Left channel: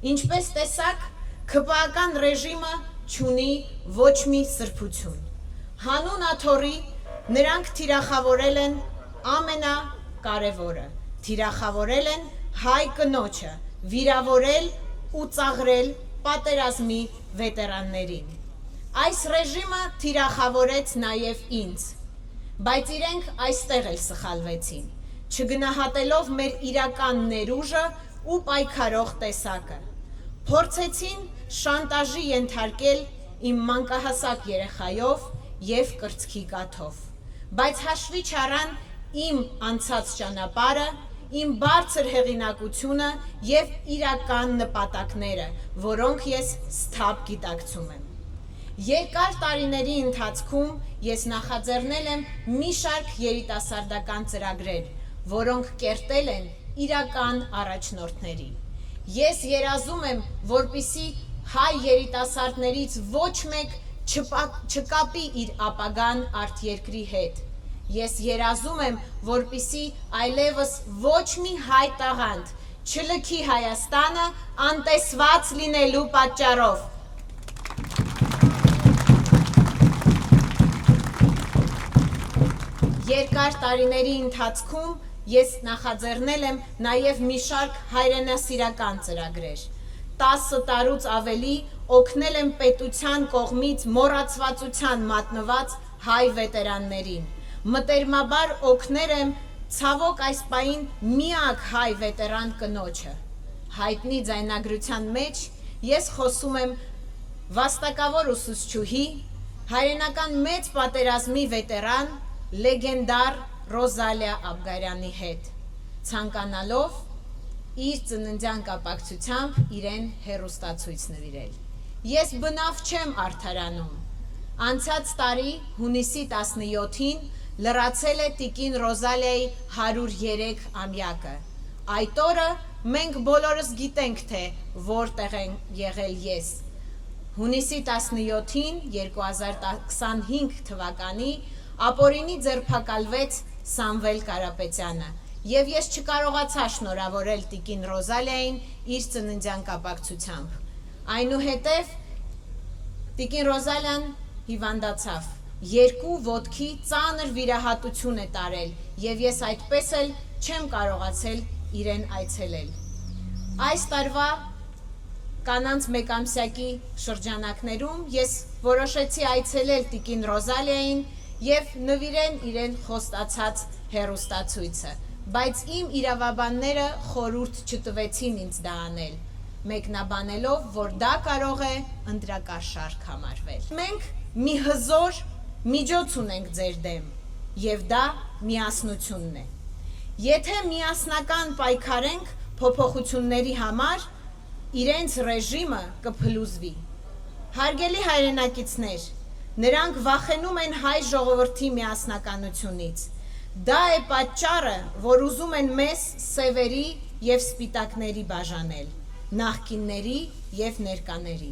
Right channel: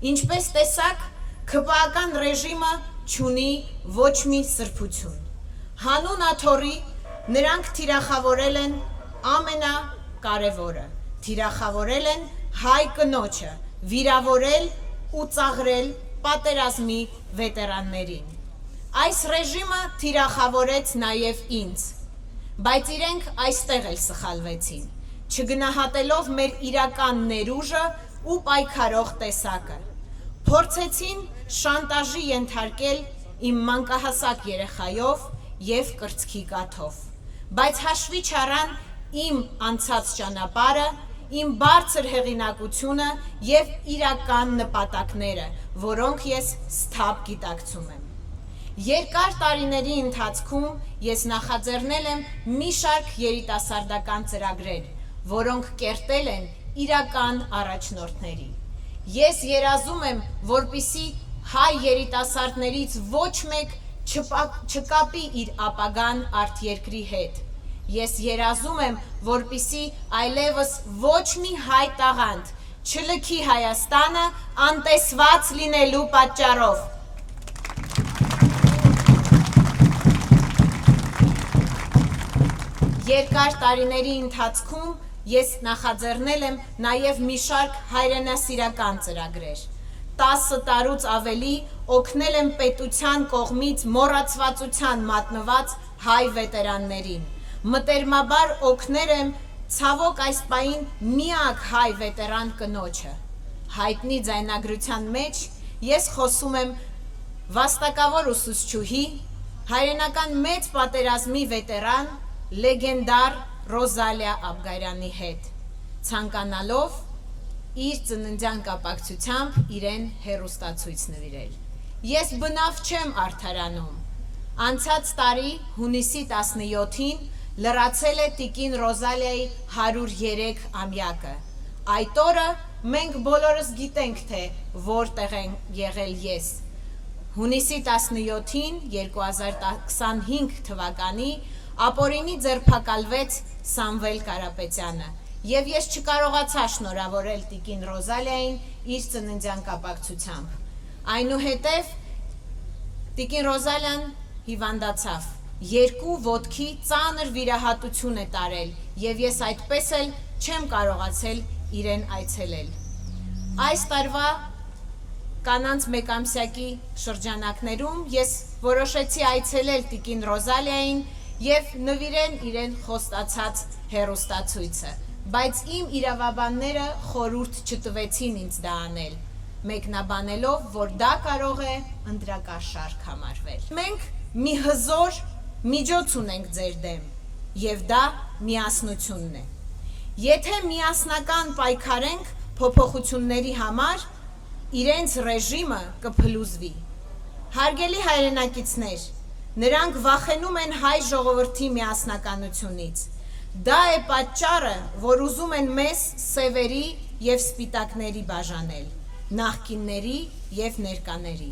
Ինչպես տեսակ, ՔՊԱ-ական ռեժիմը չունի ոչ մի սրբություն։ Հանուն աթոռի նրանք թիրախավորել են ամենակարևորը, թիրախավորել են հայ կնոջը, վիրավորել ու ծաղրել պատերազմի վետերաններին։ Այս ռեժիմը թիրախավորեց նաև ինձ, բայց իրենք այստեղ էլ սխալվեցին, չգնահատելով մեր իրական ներուժը ու պայքարող տեսակը։ Փորձեցին շանտաժի ենթարկել իմ մանկահասակ երեխայով և կրծքի կաթով, բայց հաշվի չառան իմ անցած ճանապարհը, իմ բարձր հեղինակությունը և իրական նպատակները, որոնք ես սթափ գիտակցում եմ։ Երկար տարիների ընթացքում ես նախաձեռնել եմ մի շարք երիտասարդական ծրագրեր, որոնք կերտել են իրական առաջնորդների։ Ես երազում եմ, որպեսզի հայ երիտասարդներից ոչ մեկ չկապի իր ապագան արտերկրի հետ։ Ես երազում եմ, որպեսզի այլևս ոչ մի հայ տաղանդ չլքի Հայաստանը անտեսված լինելու պատճառով։ Երկար տարիների ընթացքում ես նախաձեռնել եմ նաև մի շարք հայրենասիրական ծրագրեր։ 10 տարուց ավելի օգնել եմ պետության կողմից մոռացվածության մատնված հայ վետերաններին։ Մտերմաբար օգնել եմ ցավոք այս պահին միակ հայ վետերան կնոջը։ Հայտնի ձայնագրության մեջ ես խոսում եմ վաստակավոր ուսուցչուհի, հայրենական մեծ պատերազմի վետերան, լեգենդար Ռոզալիա Աբգարյանի հետ, ցանկանալով իր ծննդյան կապակցությամբ իրեն հեռուստացույց նվիրել։ Ես բնավ չեմ արդարանում։ Անցած տարի հունիսի 17-ին լրացել է տիկին Ռոզալիայի 103-ամյակը։ Այդ օրը մենք բոլորս գիտենք, թե որտեղ եմ եղել ես։ Հունիսի 17-ին 2025 թվականի ապօրինի ձերբակալվեց Սամվել Կարապետյանը, և ես չկարողացա շնորհավորել տիկին Ռոզալիային իր ծննդյան կապակցությամբ։ Այնուհետև տիկին Ռոզալիան հիվանդացավ, 2 ոտքի ծանր վիրահատություն է տարել, և ես այդպես էլ չեմ կարողացել իրեն այցելել։ Այս տարվա կանանց մեկամսյակի շրջանակներում ես որոշեցի այցելել տիկին Ռոզալիային և նվիրել իրեն խոստացած հեռուստացույցը, բայց իմ իրավաբանները խորհուրդ չտվեցին ինձ դա անել, մեկնաբանելով, որ դա կարող է ընտրակաշառք համարվել։ Մենք մի հզոր միջոց ունենք ձեր դեմ, և դա միասնությունն է։ Եթե միասնական պայքարենք փոփոխությունների համար, իրենց ռեժիմը կփլուզվի։ Հարգելի հայրենակիցներ, նրանք վախենում են հայ ժողովրդի միասնականությունից։ Դա է պատճառը, որ ուզում են մեզ սևերի և սպիտակների բաժանել, նախկինների և ներկաների։